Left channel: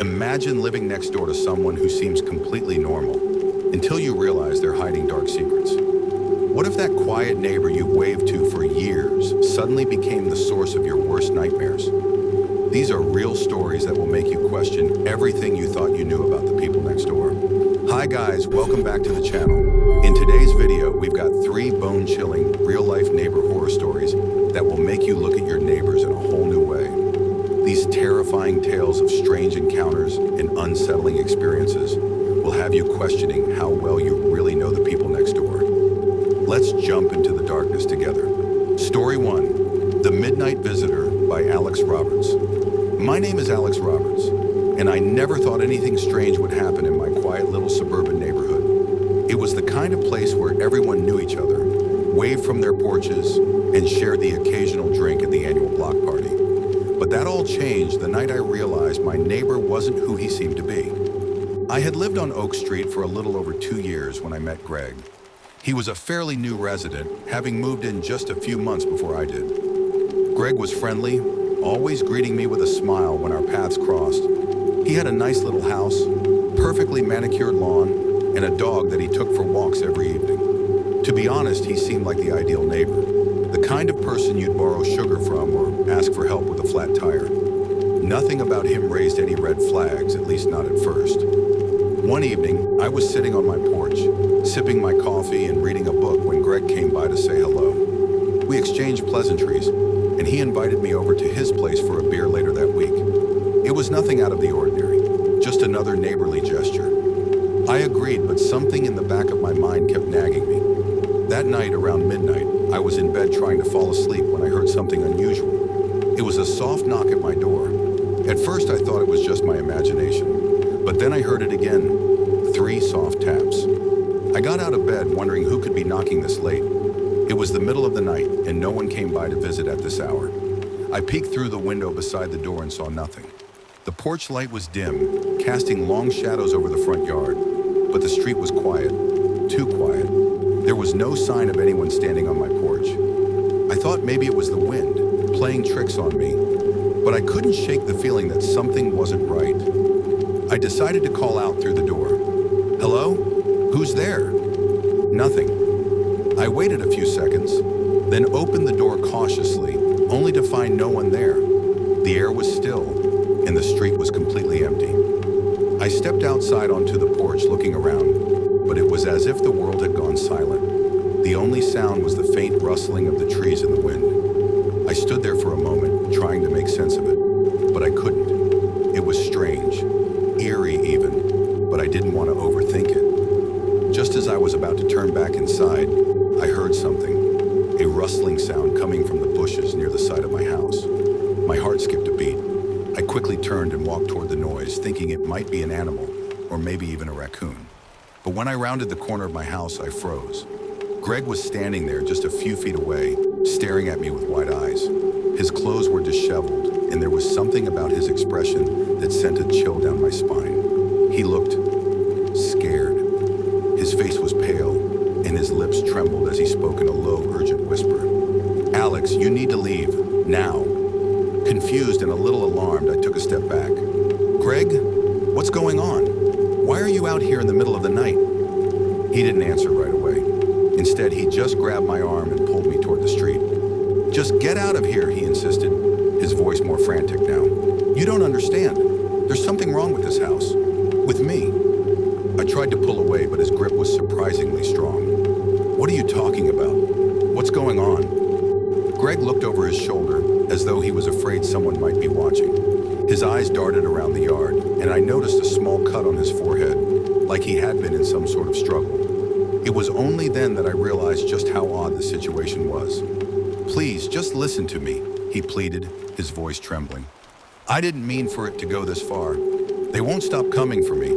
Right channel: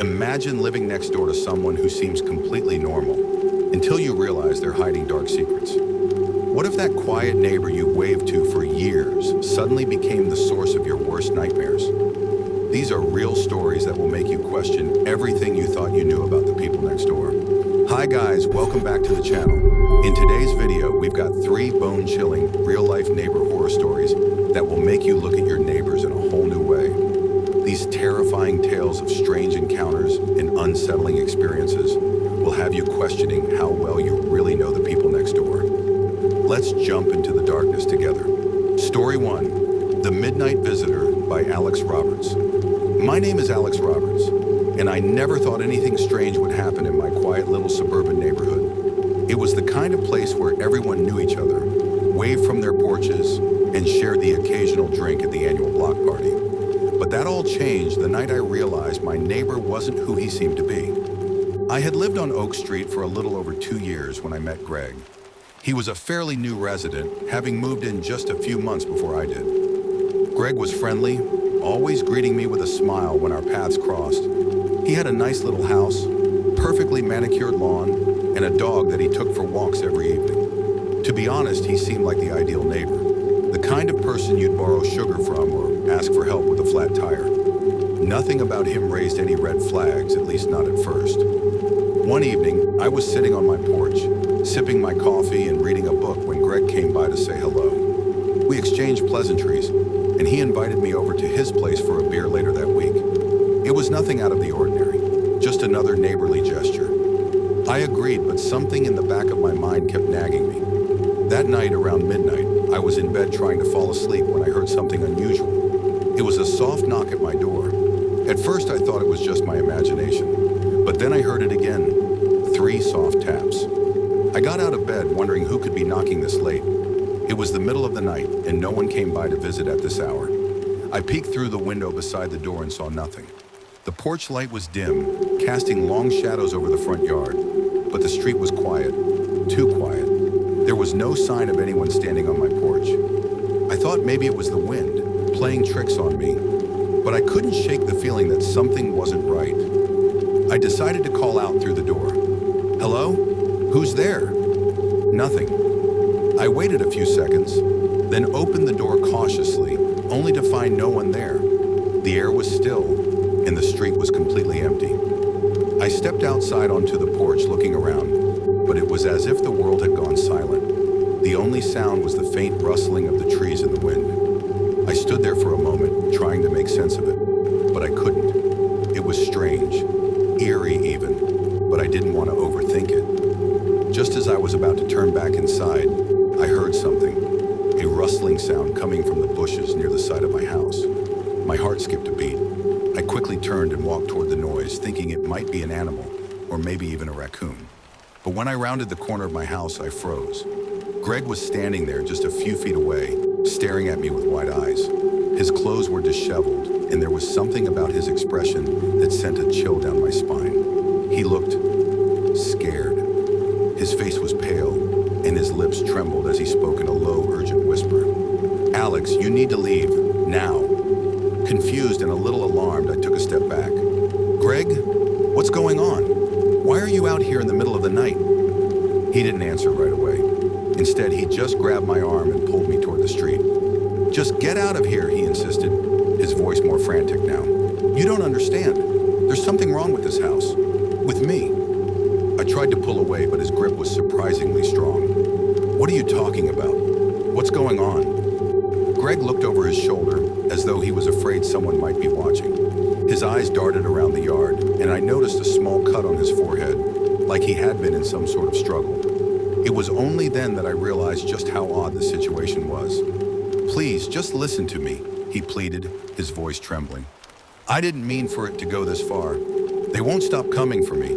Imagine living next door to someone who seems completely normal, until you realize they're hiding dark secrets. What if that quiet neighbor you waved to for years suddenly became the source of your worst nightmares? These are real stories that will make you question everything you thought you knew about the people next door. Hi guys, welcome back to the channel. In today's video, we've got 3 bone-chilling, real-life neighbor horror stories that will make you look at your neighbors in a whole new way. These terrifying tales of strange encounters and unsettling experiences will have you questioning how well you really know the people next door. Let's jump into the darkness together. Story 1, The Midnight Visitor by Alex Roberts. My name is Alex Roberts, and I never thought anything strange would happen in my quiet little suburban neighborhood. It was the kind of place where everyone knew each other, waved from their porches, and shared the occasional drink at the annual block party. But that all changed the night I realized my neighbor wasn't who he seemed to be. I had lived on Oak Street for a little over 2 years when I met Greg. He was a fairly new resident, having moved in just a few months before I did. Greg was friendly, always greeting me with a smile when our paths crossed. He had a nice little house, perfectly manicured lawn, and a dog that he took for walks every evening. To be honest, he seemed like the ideal neighbor, the kind of person you'd borrow sugar from or ask for help with a flat tire. Nothing about him raised any red flags, at least not at first. One evening, I was sitting on my porch, sipping my coffee and reading a book when Greg came by to say hello. We exchanged pleasantries, and he invited me over to his place for a beer later that week. It was nothing out of the ordinary, just another neighborly gesture. I agreed, but something in the back of my mind kept nagging me. That night, around midnight, I was in bed trying to fall asleep when I heard something unusual. It was a soft knock at my door. At first, I thought it was just my imagination, but then I heard it again, 3 soft taps. I got out of bed wondering who could be knocking this late. It was the middle of the night, and no one came by to visit at this hour. I peeked through the window beside the door and saw nothing. The porch light was dim, casting long shadows over the front yard, but the street was quiet, too quiet. There was no sign of anyone standing on my porch. I thought maybe it was the wind, playing tricks on me, but I couldn't shake the feeling that something wasn't right. I decided to call out through the door. Hello? Who's there? Nothing. I waited a few seconds, then opened the door cautiously, only to find no one there. The air was still, and the street was completely empty. I stepped outside onto the porch looking around, but it was as if the world had gone silent. The only sound was the faint rustling of the trees in the wind. I stood there for a moment, trying to make sense of it, but I couldn't. It was strange, eerie even, but I didn't want to overthink it. Just as I was about to turn back inside, I heard something, a rustling sound coming from the bushes near the side of my house. My heart skipped a beat. I quickly turned and walked toward the noise, thinking it might be an animal, or maybe even a raccoon. But when I rounded the corner of my house, I froze. Greg was standing there just a few feet away, staring at me with wide eyes. His clothes were disheveled, and there was something about his expression that sent a chill down my spine. He looked scared. His face was pale, and his lips trembled as he spoke in a low, urgent whisper. "Alex, you need to leave, now." Confused and a little alarmed, I took a step back. "Greg, what's going on? Why are you out here in the middle of the night?" He didn't answer right away. Instead, he just grabbed my arm and pulled me toward the street. "Just get out of here," he insisted, his voice more frantic now. "You don't understand. There's something wrong with this house. With me." I tried to pull away, but his grip was surprisingly strong. "What are you talking about? What's going on?" Greg looked over his shoulder, as though he was afraid someone might be watching. His eyes darted around the yard, and I noticed a small cut on his forehead, like he had been in some sort of struggle. It was only then that I realized just how odd the situation was. "Please, just listen to me," he pleaded, his voice trembling. "I didn't mean for it to go this far. They won't stop coming for me."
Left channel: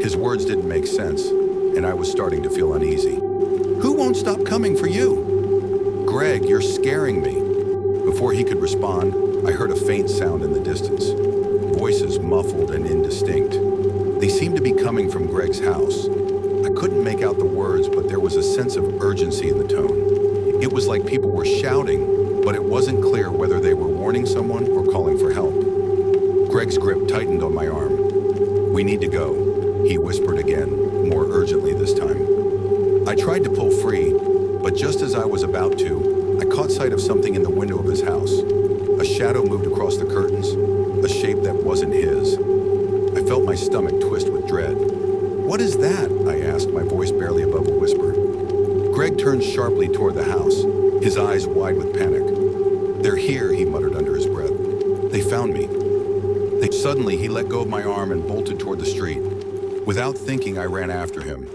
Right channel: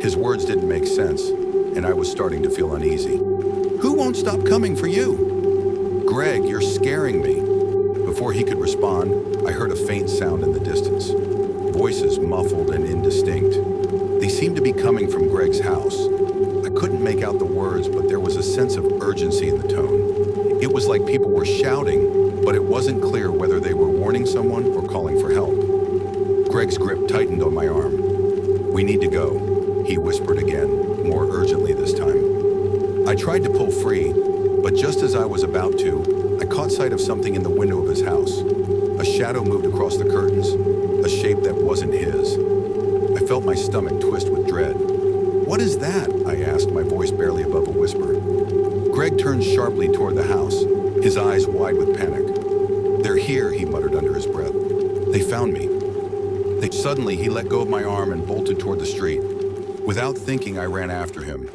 His words didn't make sense, and I was starting to feel uneasy. "Who won't stop coming for you?" "Greg, you're scaring me." Before he could respond, I heard a faint sound in the distance. Voices muffled and indistinct. They seemed to be coming from Greg's house. I couldn't make out the words, but there was a sense of urgency in the tone. It was like people were shouting, but it wasn't clear whether they were warning someone or calling for help. Greg's grip tightened on my arm. "We need to go," he whispered again, more urgently this time. I tried to pull free, but just as I was about to, I caught sight of something in the window of his house. A shadow moved across the curtains, a shape that wasn't his. I felt my stomach twist with dread. "What is that?" I asked, my voice barely above a whisper. Greg turned sharply toward the house, his eyes wide with panic. "They're here," he muttered under his breath. "They found me." Suddenly, he let go of my arm and bolted toward the street. Without thinking, I ran after him.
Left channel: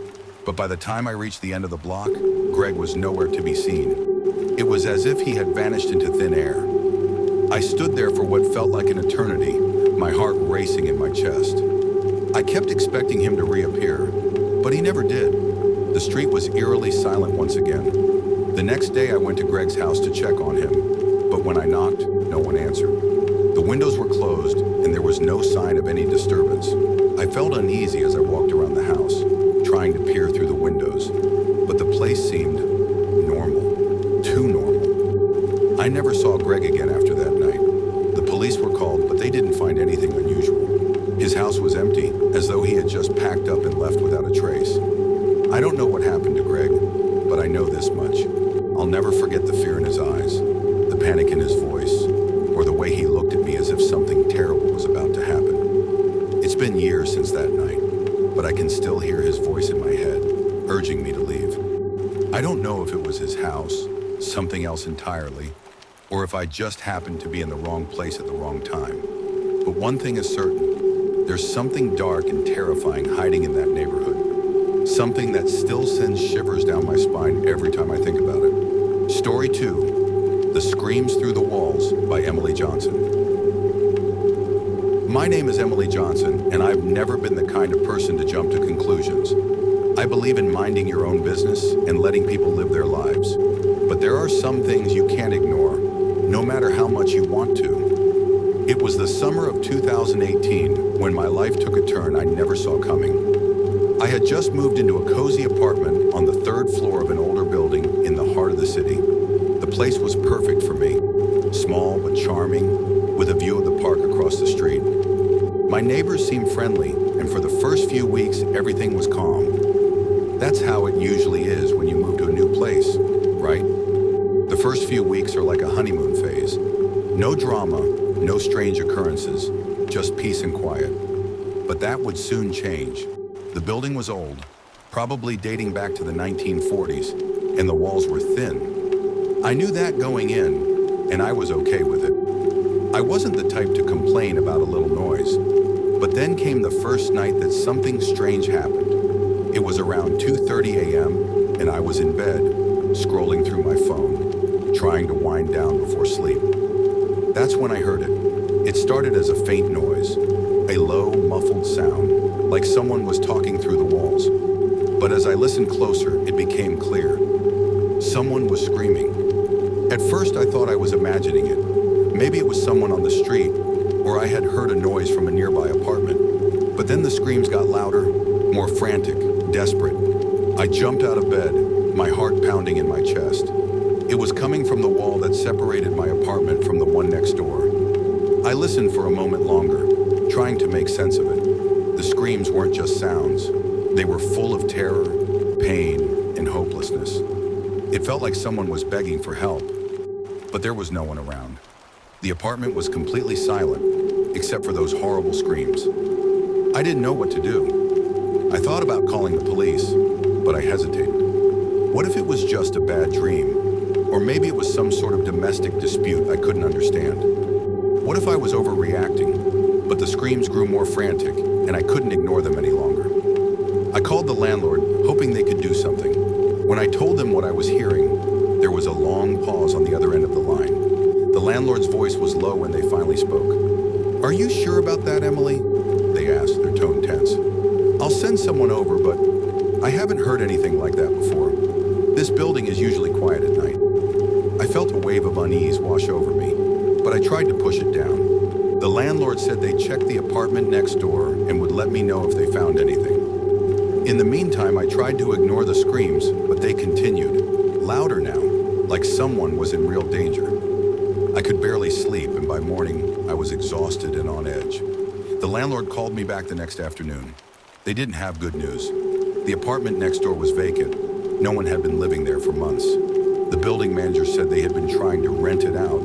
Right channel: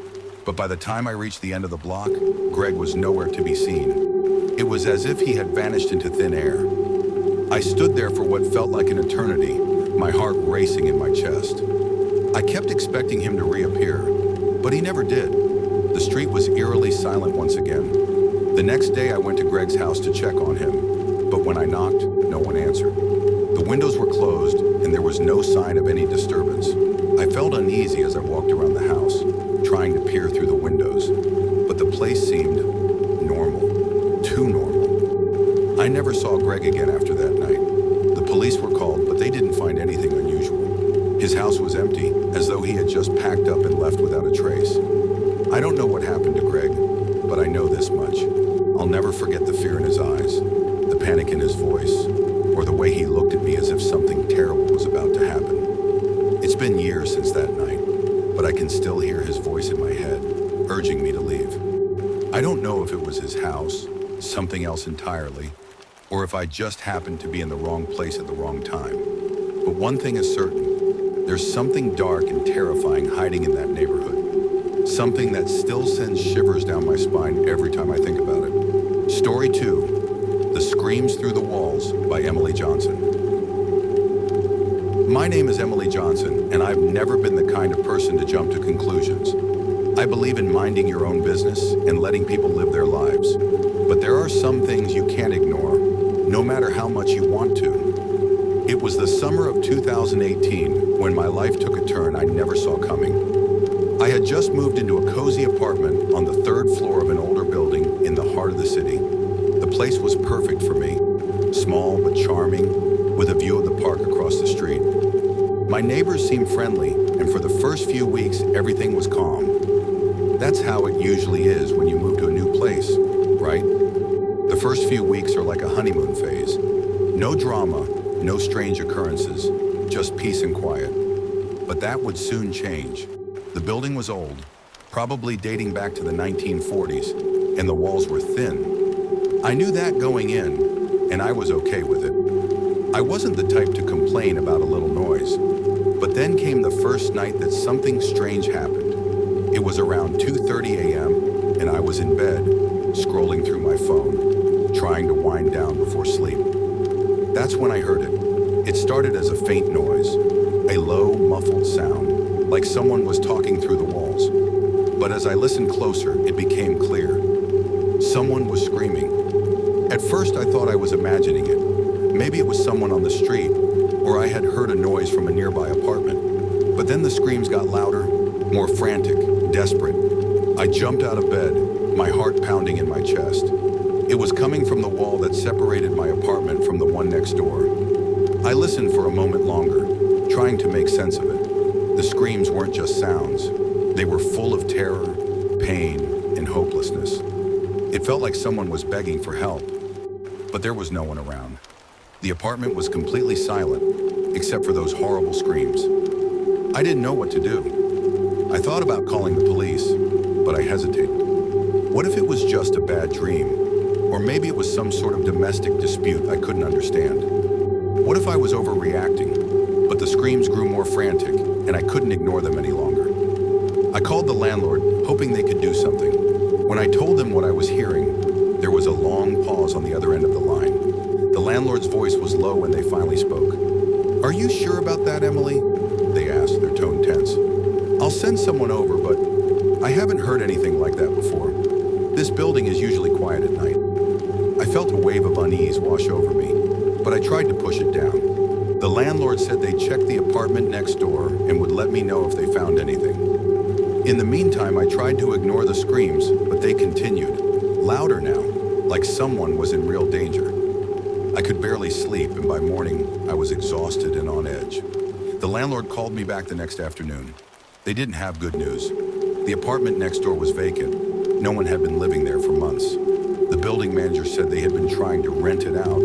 But by the time I reached the end of the block, Greg was nowhere to be seen. It was as if he had vanished into thin air. I stood there for what felt like an eternity, my heart racing in my chest. I kept expecting him to reappear, but he never did. The street was eerily silent once again. The next day I went to Greg's house to check on him, but when I knocked, no one answered. The windows were closed, and there was no sign of any disturbance. I felt uneasy as I walked around the house, trying to peer through the windows, but the place seemed normal, too normal. I never saw Greg again after that night. The police were called, but they didn't find anything unusual. His house was empty, as though he had just packed up and left without a trace. I don't know what happened to Greg, but I know this much. I'll never forget the fear in his eyes, the panic in his voice, or the way he looked at me as if something terrible was about to happen. It's been years since that night, but I can still hear his voice in my head, urging me to leave. I don't know if it was his house, something else entirely, or if I just happened to be in the wrong place at the wrong time. But one thing is certain, there's something dark and terrifying hiding in that neighborhood. Something that still sends shivers down my spine every time I think about it. Story 2, The Screams Through the Walls by Emily Johnson. My name is Emily Johnson, and I've never been the kind of person to jump to conclusions. I believe in minding your own business and letting people live their lives. But there are some things you can't ignore, no matter how much you want to. It was the summer of 2018 when my life took a turn I never saw coming. I had just moved into a cozy apartment on the 3rd floor of an older building in the heart of the city. The place was perfect for me, small but charming, with a view of the park across the street. My neighbors seemed friendly, and for the first few weeks, everything was calm. That's how it usually is when you move to a new place, right? The first few weeks are like a honeymoon phase. No drama, no strange occurrences, just peace and quiet. But that would soon change. The building was old, probably dating back to the 1940s, and the walls were thin. I knew that going in, and I was okay with it. I wasn't the type to complain about a little noise, but then came the first night that something strange happened. It was around 2:30 a.m., and I was in bed, scrolling through my phone, trying to wind down before sleep. That's when I heard it. It started as a faint noise, a low, muffled sound, like someone was talking through the walls. But as I listened closer, it became clear. Someone was screaming. At first, I thought I was imagining it. Maybe it was someone on the street, or I had heard a noise from a nearby apartment. But then the screams got louder, more frantic, desperate. I jumped out of bed, my heart pounding in my chest. It was coming from the wall that separated my apartment from the one next door. I listened for a moment longer, trying to make sense of it. The screams weren't just sounds. They were full of terror, pain, and hopelessness. It felt like someone was begging for help, but there was no one around. The apartment was completely silent, except for those horrible screams. I didn't know what to do. I thought about calling the police, but I hesitated. What if it was just a bad dream? Or maybe it was some sort of domestic dispute I couldn't understand. What if I was overreacting, but the screams grew more frantic, and I couldn't ignore them any longer? I called the landlord, hoping they could do something. When I told them what I was hearing, there was a long pause on the other end of the line. The landlord's voice was low when they finally spoke. "Are you sure about that, Emily?" they asked, their tone tense. "I'll send someone over, but I haven't heard anything like that before. This building is usually quiet at night." I felt a wave of unease wash over me, but I tried to push it down. The landlord said they'd check the apartment next door and would let me know if they found anything. In the meantime, I tried to ignore the screams, but they continued, louder now, like someone was in real danger. I could barely sleep, and by morning, I was exhausted and on edge. The landlord called me back the next afternoon. They didn't have good news. The apartment next door was vacant. No one had been living there for months. The building manager said they had been trying to rent it out,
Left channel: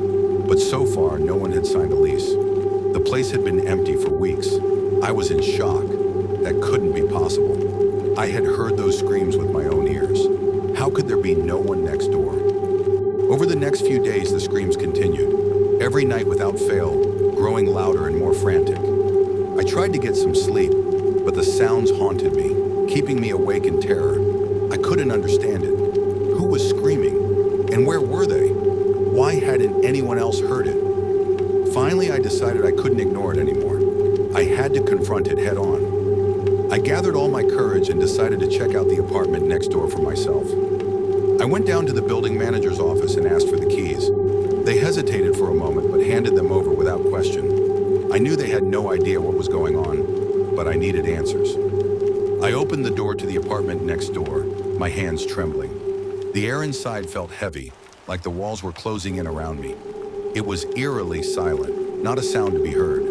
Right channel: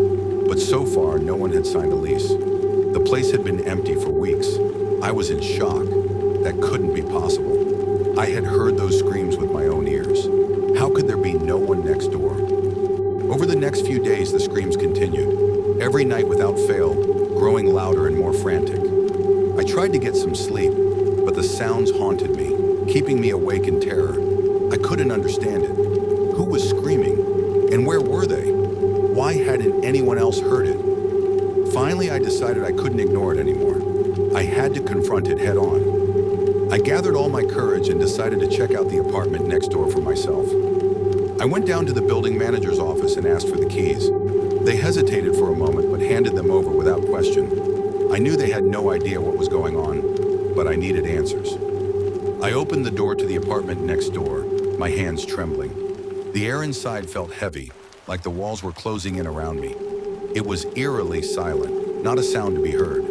but so far no one had signed a lease. The place had been empty for weeks. I was in shock. That couldn't be possible. I had heard those screams with my own ears. How could there be no one next door? Over the next few days, the screams continued, every night without fail, growing louder and more frantic. I tried to get some sleep, but the sounds haunted me, keeping me awake in terror. I couldn't understand it. Who was screaming? And where were they? Why hadn't anyone else heard it? Finally, I decided I couldn't ignore it anymore. I had to confront it head on. I gathered all my courage and decided to check out the apartment next door for myself. I went down to the building manager's office and asked for the keys. They hesitated for a moment but handed them over without question. I knew they had no idea what was going on, but I needed answers. I opened the door to the apartment next door, my hands trembling. The air inside felt heavy, like the walls were closing in around me. It was eerily silent, not a sound to be heard.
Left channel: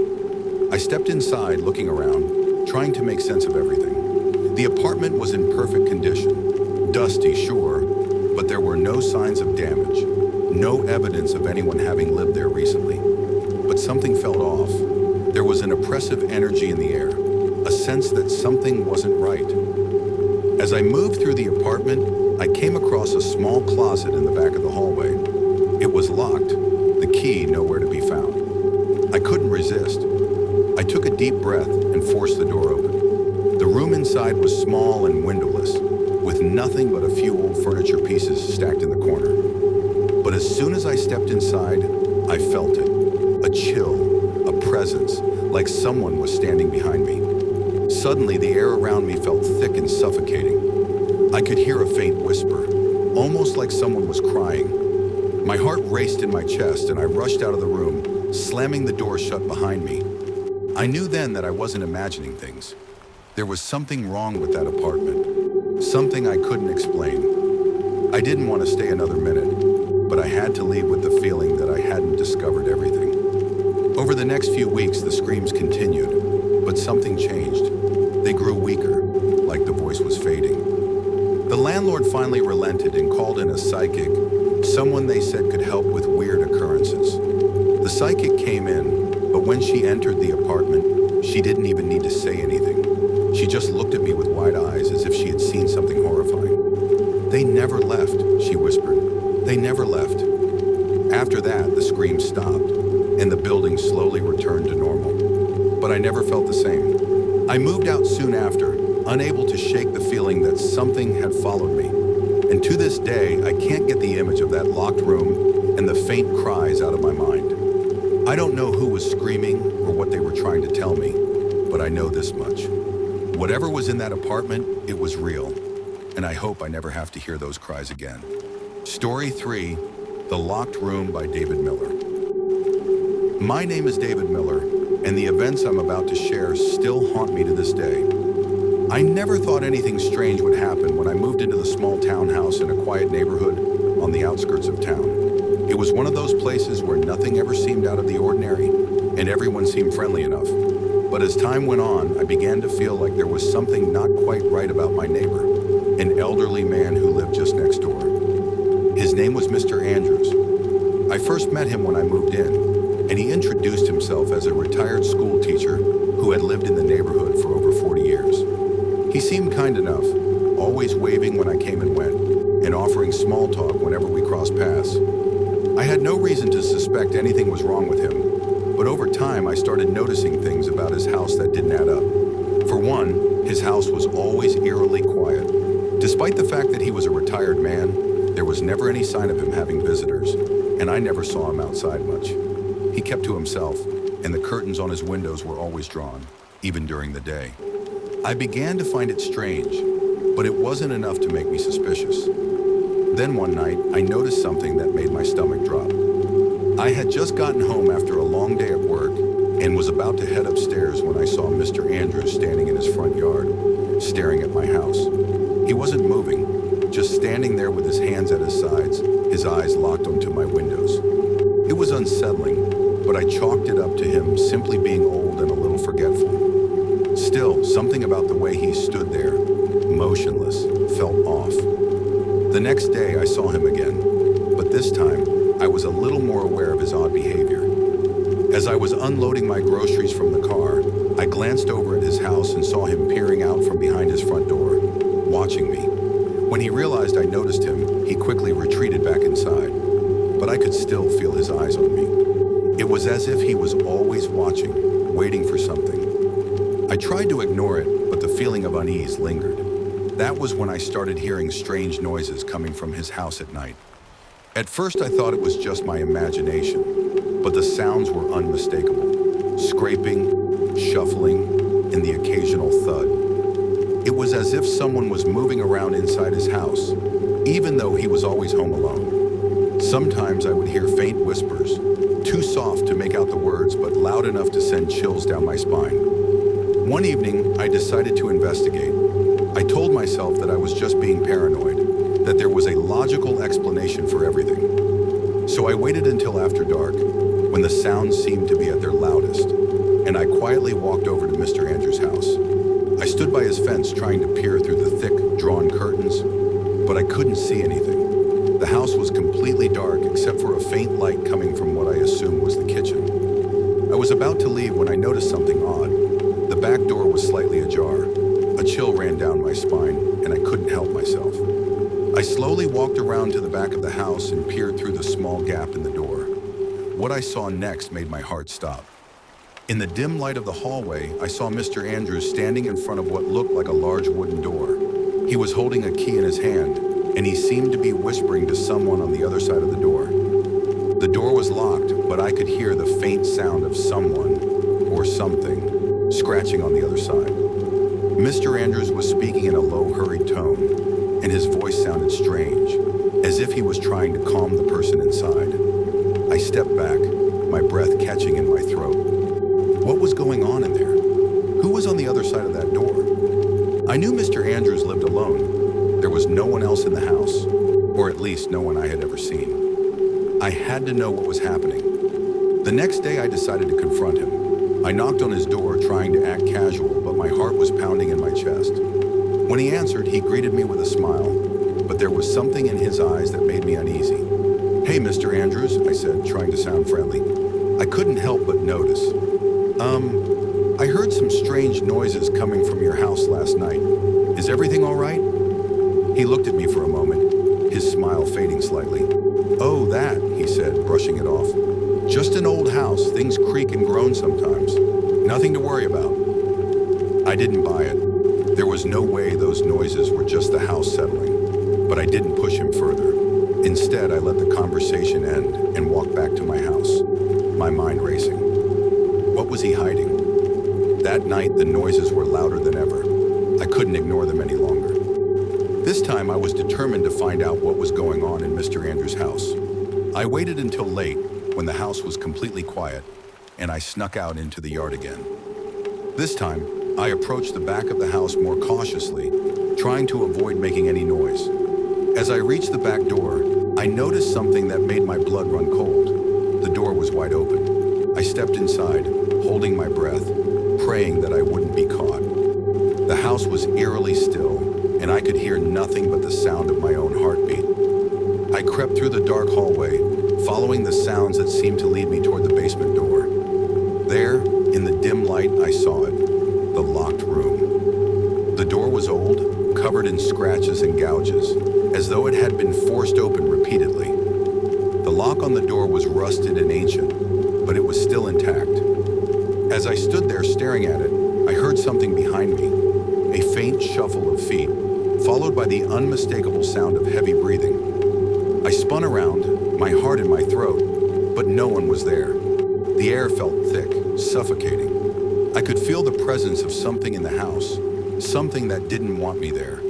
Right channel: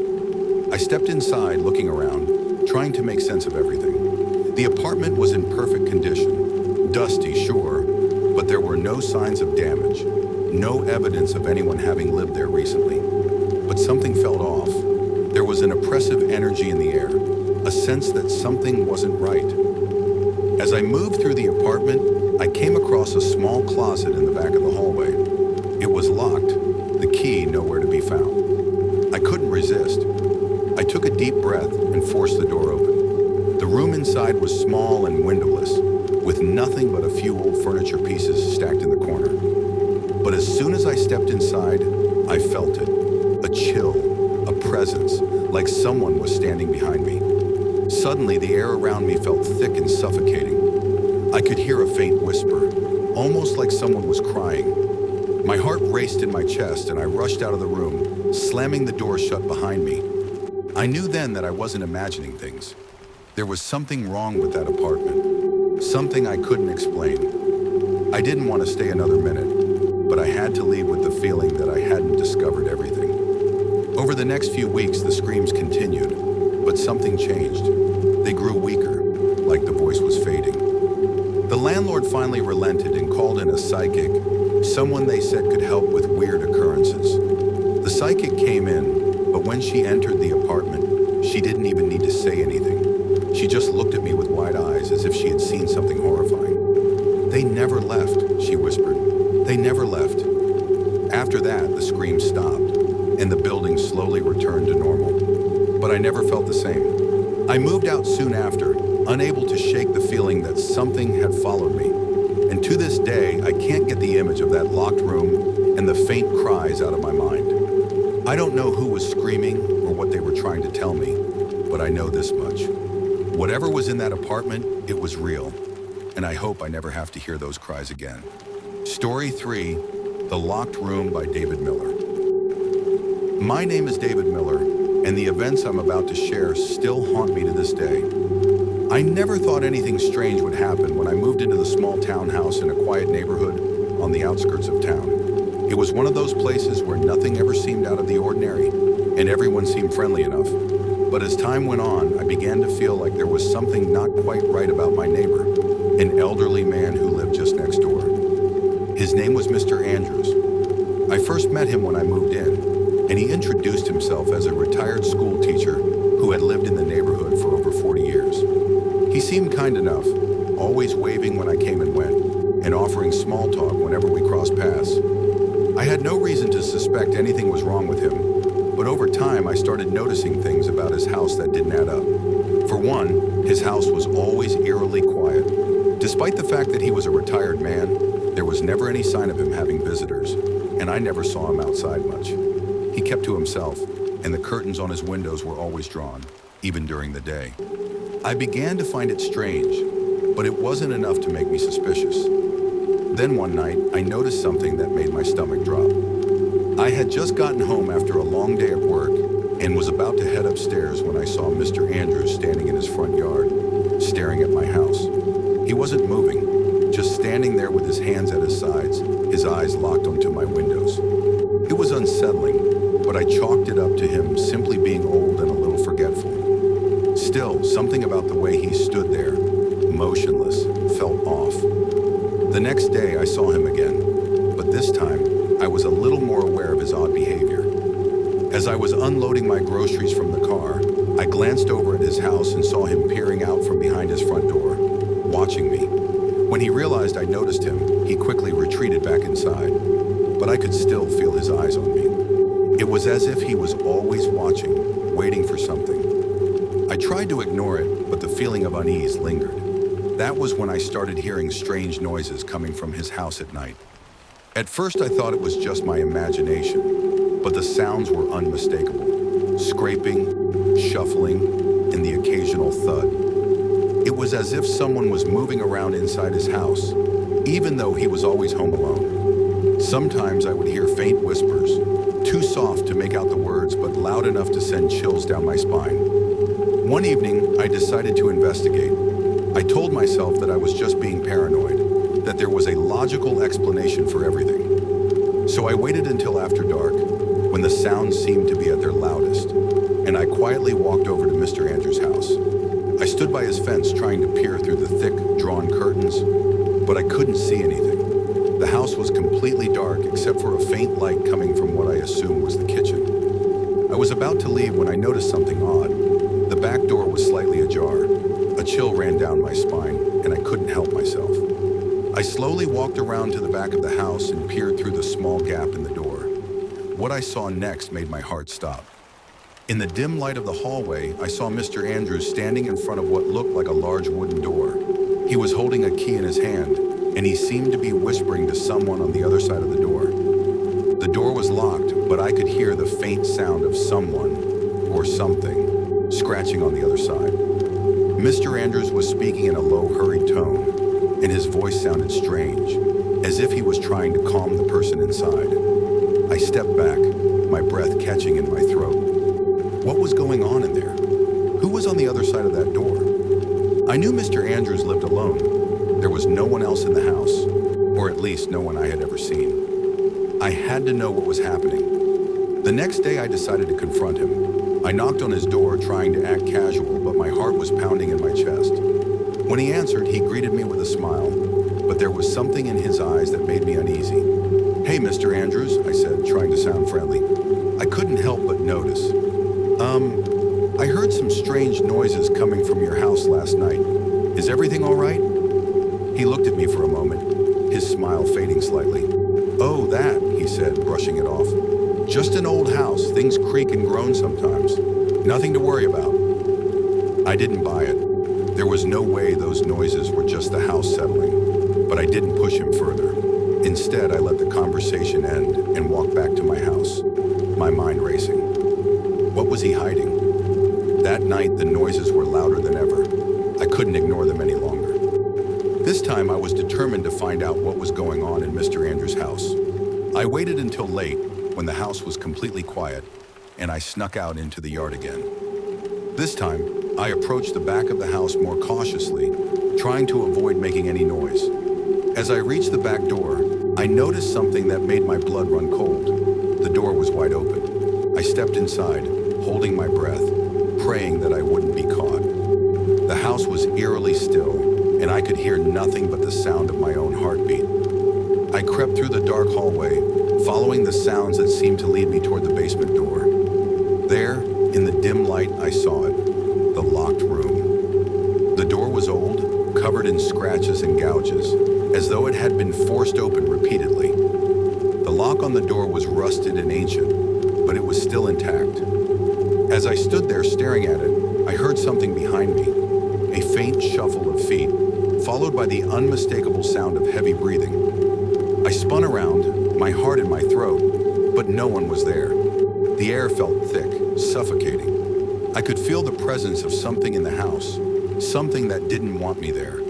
I stepped inside, looking around, trying to make sense of everything. The apartment was in perfect condition. Dusty, sure, but there were no signs of damage, no evidence of anyone having lived there recently. But something felt off. There was an oppressive energy in the air, a sense that something wasn't right. As I moved through the apartment, I came across a small closet in the back of the hallway. It was locked, the key nowhere to be found. I couldn't resist. I took a deep breath and forced the door open. The room inside was small and windowless, with nothing but a few old furniture pieces stacked in the corner. But as soon as I stepped inside, I felt it. A chill, a presence, like someone was standing behind me. Suddenly, the air around me felt thick and suffocating. I could hear a faint whisper, almost like someone was crying. My heart raced in my chest and I rushed out of the room, slamming the door shut behind me. I knew then that I wasn't imagining things. There was something wrong with that apartment, something I couldn't explain. I didn't want to stay another minute, but I had to leave with the feeling that I hadn't discovered everything. Over the next few weeks, the screams continued, but something changed. They grew weaker, like the voice was fading. The landlord finally relented and called in a psychic, someone they said could help with weird occurrences. The psychic came in, but when she entered the apartment, she didn't even need to say anything. She just looked at me with wide eyes as if she had seen something horrifying. "They never left," she whispered. "They never left." After that, the screams stopped, and the building slowly returned to normal. But I never felt the same. I moved out soon after, unable to shake the feeling that something had followed me. And to this day, I can't get the image of that locked room and the faint cries out of my mind. I don't know who was screaming or what they were trying to tell me, but I know this much. Whatever was in that apartment, it was real, and I hope I never have to hear those cries again. Story 3, The Locked Room by David Miller. My name is David Miller, and the events I'm about to share still haunt me to this day. I never thought anything strange would happen when I moved into the small townhouse in a quiet neighborhood on the outskirts of town. It was one of those places where nothing ever seemed out of the ordinary, and everyone seemed friendly enough. But as time went on, I began to feel like there was something not quite right about my neighbor, an elderly man who lived just next door. His name was Mr. Andrews. I first met him when I moved in, and he introduced himself as a retired school teacher who had lived in the neighborhood for over 40 years. He seemed kind enough, always waving when I came and went, and offering small talk whenever we crossed paths. I had no reason to suspect anything was wrong with him, but over time I started noticing things about his house that didn't add up. For one, his house was always eerily quiet. Despite the fact that he was a retired man, there was never any sign of him having visitors, and I never saw him outside much. He kept to himself, and the curtains on his windows were always drawn, even during the day. I began to find it strange, but it wasn't enough to make me suspicious. Then one night, I noticed something that made my stomach drop. I had just gotten home after a long day at work and was about to head upstairs when I saw Mr. Andrews standing in his front yard, staring at my house. He wasn't moving, just standing there with his hands at his sides, his eyes locked onto my windows. It was unsettling, but I chalked it up to him simply being old and a little forgetful. Still, something about the way he stood there, motionless, felt off. The next day I saw him again, but this time I was a little more aware of his odd behavior. As I was unloading my groceries from the car, I glanced over at his house and saw him peering out from behind his front door, watching me. When he realized I noticed him, he quickly retreated back inside, but I could still feel his eyes on me. It was as if he was always watching, waiting for something. I tried to ignore it, but the feeling of unease lingered. That was when I started hearing strange noises coming from his house at night. At first I thought it was just my imagination, but the sounds were unmistakable. Scraping, shuffling, and the occasional thud. It was as if someone was moving around inside his house, even though he was always home alone. Sometimes I would hear faint whispers, too soft to make out the words, but loud enough to send chills down my spine. One evening, I decided to investigate. I told myself that I was just being paranoid, that there was a logical explanation for everything. So I waited until after dark, when the sounds seemed to be at their loudest, and I quietly walked over to Mr. Andrews' house. I stood by his fence trying to peer through the thick, drawn curtains, but I couldn't see anything. The house was completely dark except for a faint light coming from what I assumed was the kitchen. I was about to leave when I noticed something odd. The back door was slightly ajar. A chill ran down my spine, and I couldn't help myself. I slowly walked around to the back of the house and peered through the small gap in the door. What I saw next made my heart stop. In the dim light of the hallway, I saw Mr. Andrews standing in front of what looked like a large wooden door. He was holding a key in his hand, and he seemed to be whispering to someone on the other side of the door. The door was locked, but I could hear the faint sound of someone, or something, scratching on the other side. Mr. Andrews was speaking in a low, hurried tone, and his voice sounded strange, as if he was trying to calm the person inside. I stepped back, my breath catching in my throat. What was going on in there? Who was on the other side of that door? I knew Mr. Andrews lived alone. There was no one else in the house, or at least no one I had ever seen. I had to know what was happening. The next day I decided to confront him. I knocked on his door trying to act casual, but my heart was pounding in my chest. When he answered, he greeted me with a smile, but there was something in his eyes that made me uneasy. "Hey, Mr. Andrews," I said, trying to sound friendly. I couldn't help but notice. I heard some strange noises coming from your house last night. Is everything all right?" He looked at me for a moment, his smile fading slightly. "Oh, that," he said, brushing it off. "Just an old house, things creak and groan sometimes. Nothing to worry about." I didn't buy it. There was no way those noises were just the house settling, but I didn't push him further. Instead, I let the conversation end and walked back to my house, my mind racing. What was he hiding? That night, the noises were louder than ever. I couldn't ignore them any longer. This time, I was determined to find out what was going on in Mr. Andrews' house. I waited until late, when the house was completely quiet, and I snuck out into the yard again. This time, I approached the back of the house more cautiously, trying to avoid making any noise. As I reached the back door, I noticed something that made my blood run cold. The door was wide open. I stepped inside, holding my breath, praying that I wouldn't be caught. The house was eerily still, and I could hear nothing but the sound of my own heartbeat. I crept through the dark hallway, following the sounds that seemed to lead me toward the basement door. There, in the dim light, I saw it, the locked room. The door was old, covered in scratches and gouges, as though it had been forced open repeatedly. The lock on the door was rusted and ancient, but it was still intact. As I stood there staring at it, I heard something behind me, a faint shuffle of feet, followed by the unmistakable sound of heavy breathing. I spun around, my heart in my throat, but no one was there. The air felt thick, suffocating. I could feel the presence of something in the house, something that didn't want me there.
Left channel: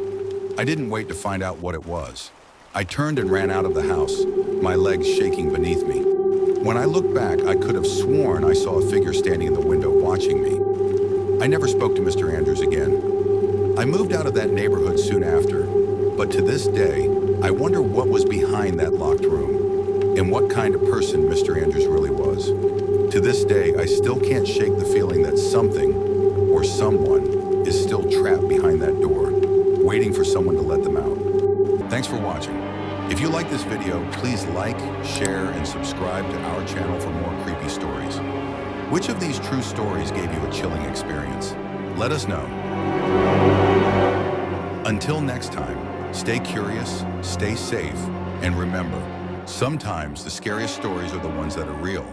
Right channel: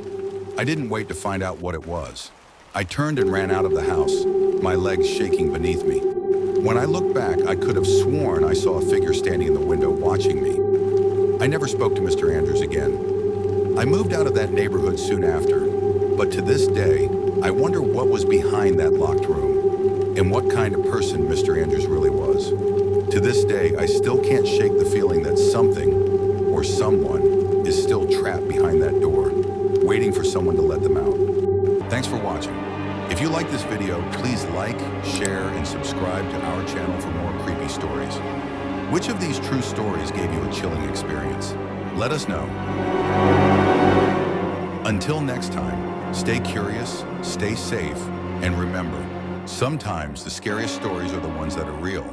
I didn't wait to find out what it was. I turned and ran out of the house, my legs shaking beneath me. When I looked back, I could have sworn I saw a figure standing in the window watching me. I never spoke to Mr. Andrews again. I moved out of that neighborhood soon after, but to this day, I wonder what was behind that locked room and what kind of person Mr. Andrews really was. To this day, I still can't shake the feeling that something or someone is still trapped behind that door, waiting for someone to let them out. Thanks for watching. If you like this video, please like, share, and subscribe to our channel for more creepy stories. Which of these true stories gave you a chilling experience? Let us know. Until next time, stay curious, stay safe, and remember, sometimes the scariest stories are the ones that are real.